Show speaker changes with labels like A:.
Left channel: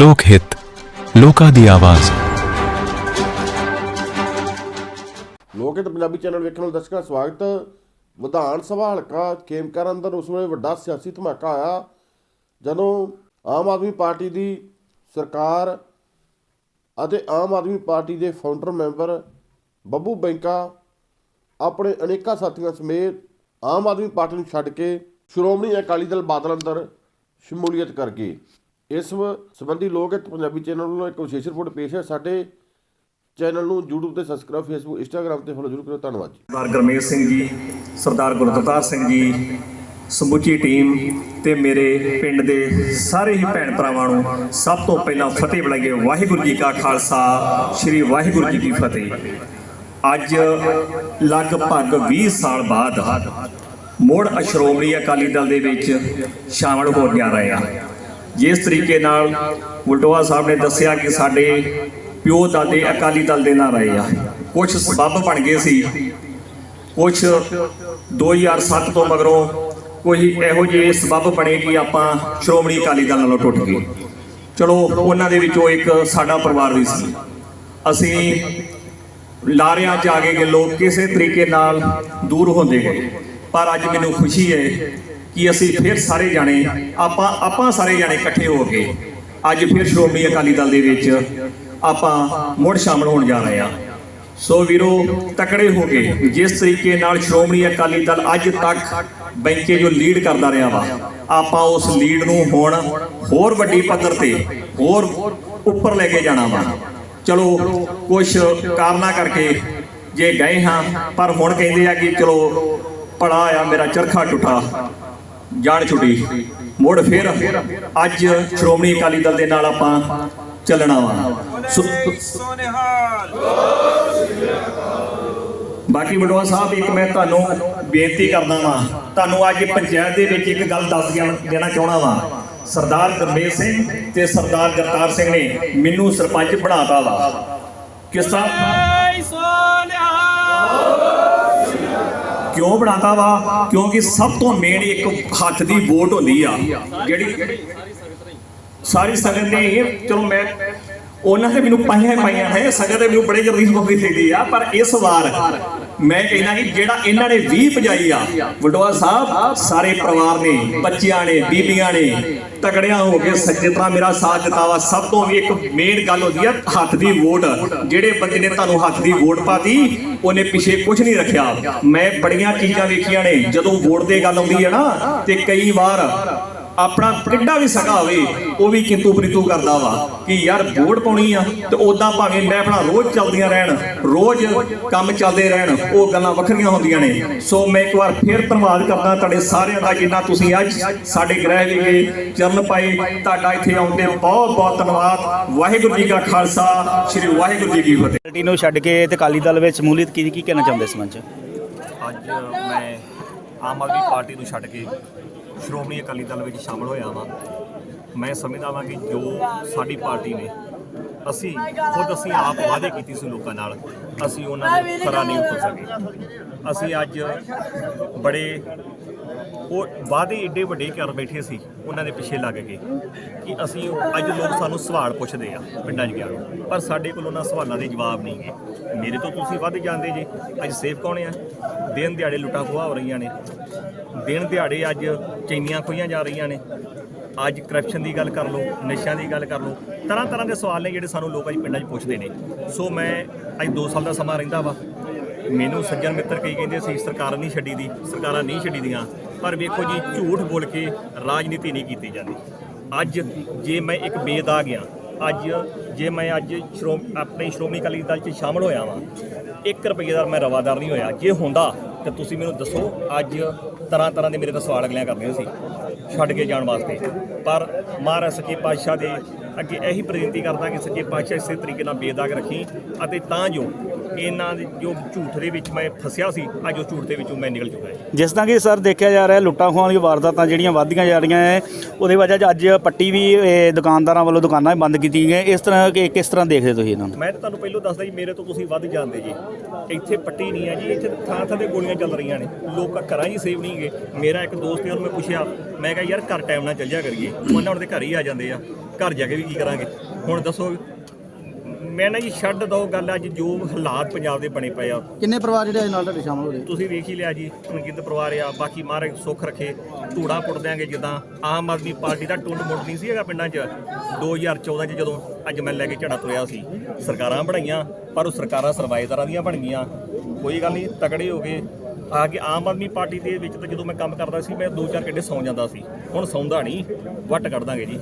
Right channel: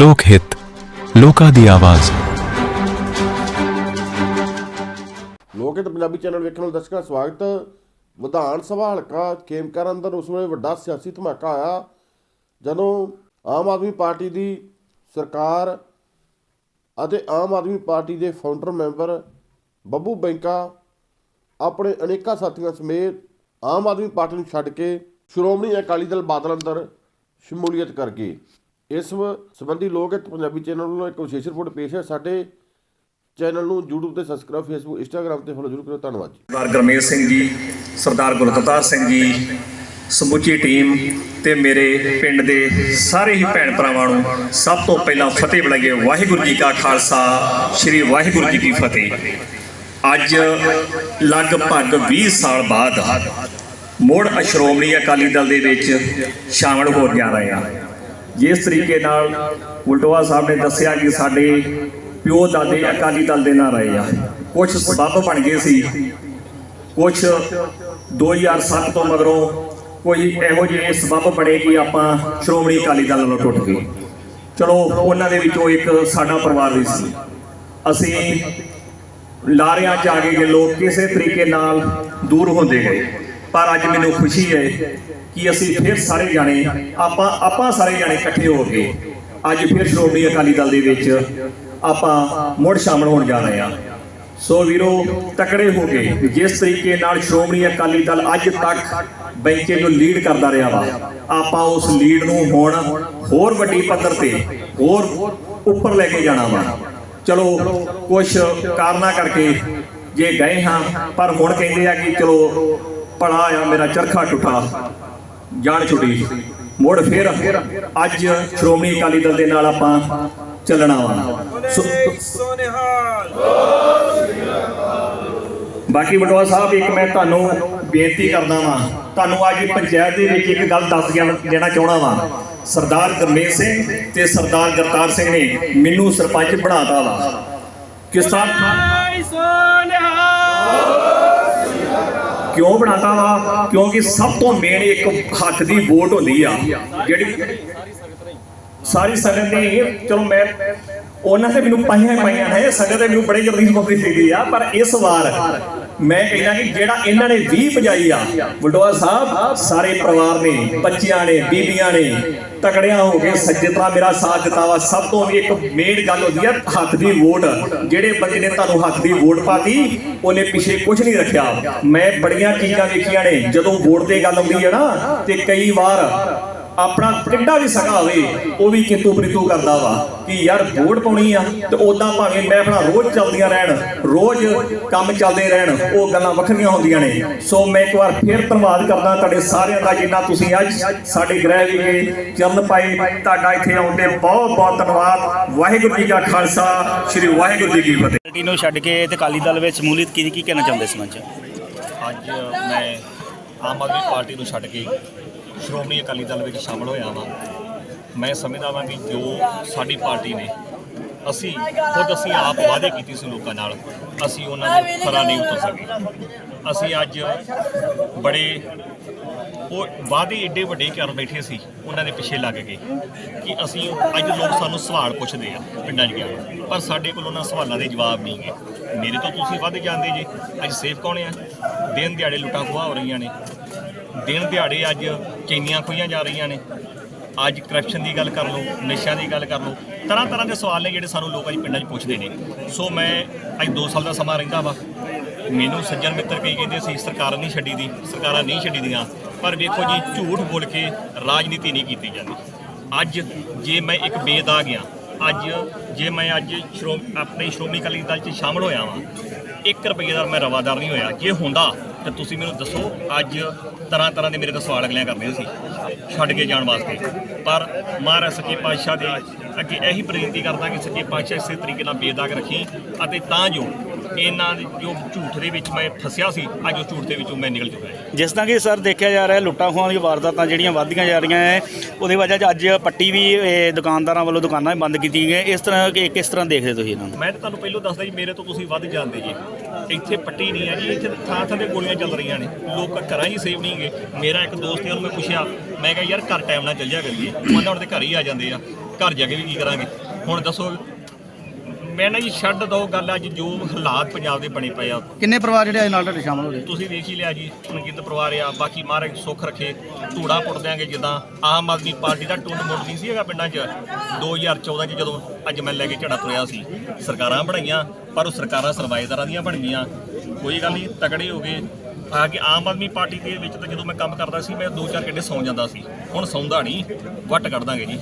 A: ਲੋਕ ਹਿੱਤ, ਲੋਕਾਂ ਦੀ ਆਵਾਜ਼।
B: ਲੋਕ ਹਿੱਤ ਪੰਜਾਬੀ ਚੈਨਲ ਵੇਖਣ ਵਾਲੇ ਦਰਸ਼ਕਾਂ ਦਾ ਸਵਾਗਤ। ਵਿਧਾਨ ਸਭਾ ਹਲਕਾ ਕੇਮਕਰ ਅੰਦਰ ਉਸ ਵੇਲੇ ਵੱਡਾ ਸਿਆਸੀ ਧਮਾਕਾ ਆਇਆ। ਜਦੋਂ ਆਮ ਆਦਮੀ ਪਾਰਟੀ ਦੀ ਸਰਕਾਰ ਅਤੇ ਆਮ ਆਦਮੀ ਪਾਰਟੀ ਦੇ ਫਾਊਂਡਰ ਮੈਂਬਰ ਬੱਬੂ ਬੈਂਕਾ ਆਪਣੇ ਅਨੇਕਾਂ ਸਾਥੀਆਂ ਸਮੇਤ ਆਮ ਆਦਮੀ ਪਾਰਟੀ ਨੂੰ ਛੱਡ ਕੇ ਸ਼੍ਰੋਮਣੀ ਅਕਾਲੀ ਦਲ ਬਾਦਲ ਅੰਦਰ ਸ਼ਮੂਲੀਅਤ ਕਰ ਗਏ। ਇਸ ਸੰਬੰਧੀ ਲੋਕ ਹਿੱਤ ਪੰਜਾਬੀ ਚੈਨਲ ਨੂੰ ਇੱਕ ਵਿਸ਼ੇਸ਼ ਰਿਪੋਰਟ ਪੇਸ਼ ਹੈ। ਸਾਡੇ ਚੈਨਲ ਨੂੰ YouTube ਤੇ ਸਬਸਕ੍ਰਾਈਬ Facebook, Instagram ਤੇ ਫੋਲੋ ਜ਼ਰੂਰ ਕਰੋ ਧੰਨਵਾਦ ਜੀ।
C: ਸਰਦਾਰ ਗਰਮੇਲ ਸਿੰਘ ਜੀ, ਸਰਦਾਰ ਗੁਰਦਤਾਰ ਸਿੰਘ ਜੀ, ਸਮੁੱਚੀ ਟੀਮ ਤੇ ਮੇਰੇ ਪਿੰਡ ਦੇ ਸਾਰੇ ਹੀ ਭੈਣ ਭਰਾਵਾਂ ਨੂੰ ਸਭ ਤੋਂ ਪਹਿਲਾਂ ਫਤਿਹ ਬੁਲਾਈਏ ਵਾਹਿਗੁਰੂ ਜੀ ਕਾ ਖਾਲਸਾ, ਸ੍ਰੀ ਵਾਹਿਗੁਰੂ ਜੀ ਕੀ ਫਤਿਹ। ਅੱਜ ਲਗਭਗ 20 ਸਾਲ ਬਾਅਦ ਮੁੜ ਸ਼੍ਰੋਮਣੀ ਅਕਾਲੀ ਦਲ ਦੇ ਵਿੱਚ ਸ਼ਾਮਲ ਹੋ ਗਿਆ ਰਹੇ ਹਾਂ। ਜਿਸ ਤਰੀਕੇ ਨਾਲ ਵਲਟੋਆ ਸਾਹਿਬ ਨੇ ਦੱਸਿਆ ਕਿ ਸਾਡੇ ਪਿਓ ਦਾਦੇ ਅਕਾਲੀ ਦਲ ਦੇ ਨਾਲ ਰਹੇ ਆ। ਕੁਝ ਸਬੱਬ ਬਣ ਗਏ ਸੀ। ਕੁਝ 2007 ਤੋਂ ਮਗਰੋਂ ਕੋਈ ਇਹੋ ਜਿਹੇ ਸਬੱਬ ਬਣੇ ਕਿ ਆਪਾਂ ਸ਼੍ਰੋਮਣੀ ਅਕਾਲੀ ਦਲ ਨਾਲੋਂ ਟੁੱਟ ਗਏ। ਚਲੋ, ਉਹਨਾਂ ਦੇ ਵਿੱਚੋਂ ਇੱਕ ਸਾਡਾ ਪਰਿਵਾਰ ਵੀ ਸੀ। ਅਸੀਂ ਲਾਰਿਆਂ 'ਚ ਆ ਗਏ ਕਿ ਲੋਕ ਕਿਸੇ ਤਰੀਕੇ ਨਾਲ ਦੂਰ ਹੁੰਦੇ ਗਏ। ਪਰ ਅੱਜ ਮੈਨੂੰ ਖੁਸ਼ੀ ਹੈ ਕਿ ਅਸੀਂ ਫਿਰ ਸਾਰੇ ਜਾਣੇ, ਆਪਾਂ ਆਪਾਂ ਸਾਰੇ ਜਾਣੇ ਇਕੱਠੇ ਹੋ ਕੇ ਅੱਜ ਫਿਰ ਸ਼੍ਰੋਮਣੀ ਅਕਾਲੀ ਦਲ ਦੇ ਵਿੱਚ ਆਪਾਂ ਮੁੜ ਸ਼ਾਮਲ ਹੋਣ ਜਾ ਰਹੇ ਹਾਂ। ਸੋ ਵੀਰੋ, ਤਕੜੇ ਹੋ ਕੇ ਜਿਸ ਤਰੀਕੇ ਨਾਲ ਸ਼੍ਰੋਮਣੀ ਅਕਾਲੀ ਦਲ ਅੱਜ ਤੱਕ ਬੈਂਕੇ ਜੋ ਲੀਡ ਕਰਦਾ ਰਿਹਾ ਵਾ, ਆਪਾਂ ਉਸ ਲੀਡ ਨੂੰ ਹੁਣ ਹੋਰ ਵੱਡੀ ਪੱਧਰ ਤੇ ਹੋਰ ਉੱਪਰ ਲੈ ਕੇ ਜਾਣਾ ਵਾ। ਚਲੋ ਕੁਝ ਕਾਰਨਾ ਕਰਕੇ ਜੇ ਗਏ ਹਾਂ, ਪਰ ਹੁਣ ਕਹਿੰਦੇ ਆ ਕਿ ਚਲੋ ਪੜਾ ਆ ਮੇਰਾ ਚਰਖਾ ਟੁੱਟਾ। ਜਾਣ ਛੁੱਟੀ। ਮੁੜ ਫਿਰ ਅੱਜ ਸ਼੍ਰੋਮਣੀ ਅਕਾਲੀ ਦਲ ਦੇ ਨਾਲ ਆਪਾਂ ਚੱਲਣਾ ਵਾ। ਸੋ- ਬਾਕੀ ਬਟਵਾ ਸਾਹਿਬ, ਇੱਕ ਮੈਂ ਤੁਹਾਨੂੰ ਬੇਨਤੀ ਕਰਦਾ ਵਾਂ। ਤੁਹਾਨੂੰ ਅੱਜ ਪੰਚਾਇਤ ਦੇ ਵਿੱਚ ਇੱਕ ਗੱਲ ਦੱਸ ਦੇਣਾ ਚਾਹਣਾ ਵਾਂ। ਸਰਦਾਰ ਗਰਮੇਲ ਸਿੰਘ ਤੇ ਸਰਦਾਰ ਗਰਤਾਰ ਸਿੰਘ ਨੇ ਮੈਨੂੰ ਸਰਪੰਚ ਬਣਾਤਾ ਵਾ। ਕਿਸ ਤਰ੍ਹਾਂ ਕਿਉਂ ਬਣਾਤਾ? ਵਾ ਕਿਉਂਕਿ ਸਭ ਤੋਂ ਮੇਨ ਇੱਕ ਹੱਥ ਦੀ ਵੋਟ ਹੁੰਦੀ ਆ, ਜਿਹੜੀ ਸਾਰੀ ਸੰਗਤ ਨੇ ਇਹ, ਚਲੋ ਮੈਂ ਉਹਨਾਂ ਤੇ ਮੈਨੂੰ ਪਾਈਆਂ ਪਾਈਆਂ ਹੈ ਸੰਗਤ ਤੇ ਮੈਨੂੰ ਬੜੇ ਜਲਦੀ ਸਮਝੀ ਚਾਹੀਦੀ ਆ, ਪਰ ਇਸ ਵਾਰ ਮੈਂ ਕਹਿੰਦਾ ਕਿ ਜਿਹੜਾ ਇਹਨਾਂ ਨੇ 20 ਪਜਾਈ ਆ ਵਡੋਆ ਸਾਹਿਬ, ਸਾਰੇ ਪਰਿਵਾਰ ਨੇ, ਬੱਚਿਆਂ ਨੇ, ਬੀਬੀਆਂ ਨੇ, ਤਕੜਿਆਂ ਹੋ ਕੇ ਸੱਜੇ ਤਰ੍ਹਾਂ ਮੇਰਾ ਸਾਥ ਦਿੱਤਾ ਸਭ ਤੋਂ ਵੀ ਇੱਕ ਮੇਨ ਗੱਲ ਹੁੰਦੀ ਆ, ਹੱਥ ਦੀ ਵੋਟ। ਜਿਹੜੇ ਬੰਦੇ ਨੇ ਤੁਹਾਨੂੰ ਹੱਥ ਦੀ ਵੋਟ ਪਾਤੀ, ਉਹਨੇ ਪਿੱਛੇ ਕੁਝ ਨਹੀਂ ਰੱਖਿਆ। ਮੈਂ ਬੜੀਆਂ ਚੀਜ਼ਾਂ ਵੇਖੀਆਂ ਨੇ, ਜਦੋਂ ਵੋਟ ਤੇ ਗੱਲ ਆਉਂਦੀ ਹੈ ਨਾ, ਤੇ ਕਈ ਵਾਰ ਆਪਣਾ ਕਿੱਡਾ ਵੀ ਸਕਾ ਹੋਵੇ ਉਹ ਵੀ ਕਿੰਤੂ ਪ੍ਰਿਤੂ ਕਰਦਾ ਵਾ ਕਿ ਯਾਰ ਵੋਟ ਪਾਉਣੀ ਆ ਤੇ ਉਦਾਂ ਭਾਵੇਂ ਮੈਂ ਆਪਣਾ ਰੋਜ਼ ਚੱਲਦੀਆਂ ਰਹਿਣ ਰੋਜ਼ ਕੰਮ ਚੱਲਦੇ ਰਹਿਣ ਉਹ ਗੱਲਾਂ ਵੱਖਰੀਆਂ ਹੁੰਦੀਆਂ ਨੇ। ਸੋ ਮੈਂ ਇੱਕ ਵਾਰ ਫੇਰ ਧੰਨਵਾਦ ਕਰਦਾ ਤੁਹਾਡੇ ਸਾਰਿਆਂ ਦਾ ਜਿੰਨਾ ਤੁਸੀਂ ਅੱਜ ਸਾਡੇ ਗ੍ਰਹਿ ਵਿਖੇ ਚਰਨ ਪਾਏ ਤੁਹਾਡਾ ਇੱਥੇ ਆਉਣ ਤੇ ਬਹੁਤ ਬਹੁਤ ਧੰਨਵਾਦ। ਵਾਹਿਗੁਰੂ ਜੀ ਕਾ ਖਾਲਸਾ ਸ੍ਰੀ ਵਾਹਿਗੁਰੂ ਜੀ ਕੀ ਫਤਿਹ।
D: ਪਾਰਟੀ ਨੂੰ ਛੱਡ ਕੇ ਤੇ ਅਕਾਲੀ ਦਲ ਵਿੱਚ ਸ਼ਮੂਲੀਅਤ ਕੀ ਕੀ ਕਹਿਣਾ ਚਾਹੁੰਦੇ ਸੀ ਮੰਚ?
E: ਅੱਜ ਮੈਂ ਆਮ ਆਦਮੀ ਪਾਰਟੀ ਨੂੰ ਛੱਡ ਕੇ ਸ਼੍ਰੋਮਣੀ ਅਕਾਲੀ ਦਲ ਵਿੱਚ ਸ਼ਾਮਲ ਹੋਇਆ ਹਾਂ ਮੈਂ ਸਮਝਦਾ ਵਾਂ ਕਿ ਜੋ ਸਾਡੀ ਪਾਰਟੀ ਨੇ, ਅਸੀਂ ਖੁਦ ਅਸੀਂ ਆਪ ਵਾਅਦੇ ਕੀਤੇ ਸੀ ਲੋਕਾਂ ਨਾਲ, ਅਸੀਂ ਉਹਨਾਂ ਦੇ ਖਰਾ ਨਹੀਂ ਉਤਰ ਸਕੇ। ਅਸੀਂ ਅੱਜ ਬੜੇ ਉਹ ਵਾਅਦੇ ਏਡੇ ਵੱਡੇ ਕਰ ਬੈਠੇ ਸੀ, ਉਹਨਾਂ ਦੇ ਪਿੱਛੇ ਲੱਗ ਗਏ ਕਿ ਅਸੀਂ ਅੱਜ ਲੋਕ ਸਾਨੂੰ ਸਵਾਲ ਪੁੱਛਦੇ ਆ ਪਿੰਡਾਂ 'ਚ ਗਿਆ ਪਰ ਸਾਡੇ ਕੋਲ ਉਹਨਾਂ ਸਵਾਲਾਂ ਦੇ ਜਵਾਬ ਨਹੀਂ ਹੈ। ਮੇਰੇ ਤੋਂ ਤੁਸੀਂ ਵੱਧ ਜਾਂਦੇ ਜੇ। ਅੱਜ ਸੇਫ ਕੌਣ ਆ? ਦਿਨ ਦਿਹਾੜੇ ਲੁੱਟਾਂ ਖੋਹਾ ਹੋ ਰਹੀਆਂ ਨੇ। ਦਿਨ ਦਿਹਾੜੇ ਅੱਜ ਚੈਨੀਆਂ ਖੋਈਆਂ ਜਾ ਰਹੀਆਂ ਨੇ। ਅੱਜ ਕਰਪਸ਼ਨ ਦੀ ਗੱਲ ਕਰ ਲਓ, ਨਸ਼ਿਆਂ ਦੀ ਗੱਲ ਕਰ ਲਓ, ਤਰ੍ਹਾਂ ਤਰ੍ਹਾਂ ਦੇ ਸਵਾਲ ਨੇ ਜਿਹੜੇ ਸਾਨੂੰ ਲੋਕ ਅੱਜ ਪਿੰਡਾਂ 'ਚ ਪੁੱਛਦੇ ਨੇ। ਸੋ ਮੈਂ ਅੱਜ 2 ਸਾਲ ਦਾ ਸਮਾਂ ਰਹਿੰਦਾ ਵਾ। ਮੈਨੂੰ ਸੱਜਣ ਮਿੱਤਰ ਕਈ ਕਹਿੰਦੇ ਸੀ, ਸਰਕਾਰ ਨਹੀਂ ਛੱਡੀ ਦੀ, ਸਰਕਾਰਾਂ ਨਹੀਂ ਛੱਡੀ ਦੀਆਂ। ਪਰ ਵੇਖੋ ਜੀ, ਝੂਠ ਬੋਲ ਕੇ ਰਾਜਨੀਤੀ ਨਹੀਂ ਕੀਤੀ ਜਾਂਦੀ। ਅੱਜ ਜੇ ਮੈਂ ਇੱਕ ਬੇਦਾਗ ਆ ਅੱਜ ਜੇ ਮੈਂ ਅੱਜ ਸ਼੍ਰੋਮ ਆਪਣੇ ਸ਼੍ਰੋਮਣੀ ਅਕਾਲੀ ਦਲ 'ਚ ਸ਼ਾਮਲ ਹੋਇਆ ਵਾਂ 1 ਰੁਪਏ ਦਾ ਮੈਂ ਰਵਾਦਾਰ ਨਹੀਂ ਹੋਇਆ। ਜੇ ਹੁੰਦਾ ਤਾਂ ਤੁਸੀਂ ਮੈਨੂੰ ਦੱਸੋ, ਅੱਜ ਤਰ੍ਹਾਂ ਤਰ੍ਹਾਂ ਦੇ ਮੇਰੇ ਤੋਂ ਸਵਾਲ ਅਗਲਿਆਂ ਕਰਨੇ ਸੀ, ਛੱਡ ਕੇ ਜਾਣ ਵਾਸਤੇ। ਪਰ ਮਹਾਰਾਜ ਸੱਚੇ ਪਾਤਸ਼ਾਹ ਦੇ ਅੱਗੇ ਇਹੀ ਬੇਨਤੀ ਕਰਦਾ ਕਿ ਸੱਚੇ ਪਾਤਸ਼ਾਹ ਇਸੇ ਤਰੀਕੇ ਨਾਲ ਬੇਦਾਗ ਰੱਖੀ ਅਤੇ ਤਾਂ ਜੋ ਇਹਨਾਂ ਦੇ ਜੋ ਝੂਠ ਦੇ ਵਿੱਚ ਮੈਂ ਫਸਿਆ ਸੀ ਅੱਜ ਉਹ ਝੂਠ ਦੇ ਵਿੱਚੋਂ ਮੈਂ ਨਿਕਲ ਚੁੱਕਾ ਹਾਂ।
D: ਜਿਸ ਤਰ੍ਹਾਂ ਕਿ ਸਰ ਦੇਖਿਆ ਜਾ ਰਿਹਾ ਲੁੱਟਾਂ ਖੋਹਾਂ ਦੀਆਂ ਵਾਰਦਾਤਾਂ ਜਿਹੜੀਆਂ ਵੱਧਦੀਆਂ ਜਾ ਰਹੀਆਂ ਹੈ ਉਹਦੇ ਵਜ੍ਹਾ 'ਚ ਅੱਜ ਪੱਟੀ ਵੀ ਇਹ, ਦੁਕਾਨਦਾਰਾਂ ਵੱਲੋਂ ਦੁਕਾਨਾਂ ਬੰਦ ਕੀਤੀਆਂ ਗਈਆਂ। ਇਸ ਤਰ੍ਹਾਂ ਕਿ ਕਿਸ ਤਰ੍ਹਾਂ ਦੇਖਦੇ ਤੁਸੀਂ ਇਹਨਾਂ ਨੂੰ?
E: ਮੈਂ ਤਾਂ ਤੁਹਾਨੂੰ ਪਹਿਲਾਂ ਦੱਸਦਾ ਜੀ ਮੇਰੇ ਤੋਂ ਤੁਸੀਂ ਵੱਧ ਜਾਣਦੇ ਜੀ। ਇੱਥੇ ਪੱਟੀ ਨਹੀਂ ਹੈ ਜੀ ਇੱਥੇ ਥਾਂ ਥਾਂ ਤੇ ਗੋਲੀਆਂ ਚੱਲ ਰਹੀਆਂ ਨੇ। ਲੋਕ ਘਰਾਂ 'ਚ ਸੇਵ ਨਹੀਂ ਗਏ ਮੇਰਾ ਇੱਕ ਦੋਸਤ ਹੈ ਉਹਨੂੰ ਮੈਂ ਪੁੱਛਿਆ ਮੈਂ ਕਿਹਾ ਯਾਰ ਘਰ ਟਾਈਮ ਨਾਲ ਚੱਲ ਜਾ ਕਰੀਏ। ਉਹਨਾਂ ਉਹਨਾਂ ਦੇ ਘਰ ਹੀ ਆ ਜਾਂਦੇ ਆ।
C: ਘਰ ਜਾ ਕੇ ਵੀ ਕੀ ਕਰਾਂਗੇ? ਹੁਣ ਦੱਸੋ ਮੈਂ ਨਾ ਜੀ ਛੱਡ ਦੋ ਗੱਲ ਅੱਜ ਜੋ ਹਾਲਾਤ ਪੰਜਾਬ ਦੇ ਬਣੇ ਪਏ ਆ।
D: ਕਿੰਨੇ ਪਰਿਵਾਰ ਜਿਹੜੇ ਅੱਜ ਨਾਲ ਤੁਹਾਡੇ ਸ਼ਾਮਲ ਹੋਏ
C: ਤੁਸੀਂ ਵੇਖ ਹੀ ਲਿਆ ਜੀ ਅਣਗਿਣਤ ਪਰਿਵਾਰ ਆ ਬਾਕੀ ਮਹਾਰਾਜ ਸੁੱਖ ਰੱਖੇ ਧੂੜਾ ਪੁੱਟ ਦਿਆਂਗੇ ਜਿੱਦਾਂ ਆਮ ਆਦਮੀ ਪਾਰਟੀ ਦਾ ਟੁੰਡ ਮੁੱਟ ਨਹੀਂ ਸੀ ਹੈਗਾ ਪਿੰਡਾਂ 'ਚ। 2014 'ਚ ਜਦੋਂ ਅੱਜ ਮੈਂ ਲੈ ਕੇ ਝੜਾ ਤੁਰਿਆ ਸੀ ਸਰਕਾਰਾਂ ਬਣਾਈਆਂ ਪਰ ਉਹ ਸਰਕਾਰਾਂ ਸਰਵਾਏਦਾਰਾਂ ਦੀਆਂ ਬਣ ਗਈਆਂ। ਕੋਈ ਗੱਲ ਨਹੀਂ ਤਕੜੇ ਹੋ ਗਏ। ਆ ਕਿ ਆਮ ਆਦਮੀ ਪਾਰਟੀ ਦੇ ਵਿੱਚ ਤਾਂ ਜਦੋਂ ਮੈਂ ਕੰਮ ਕਰਦਾ ਸੀ ਮੈਂ 2-4 ਘੰਟੇ ਸੌਂ ਜਾਂਦਾ ਸੀ। ਹੁਣ ਸੌਂਦਾ ਨਹੀਂ ਵੱਟ ਕੱਢ ਦਾਂਗੇ ਜੀ।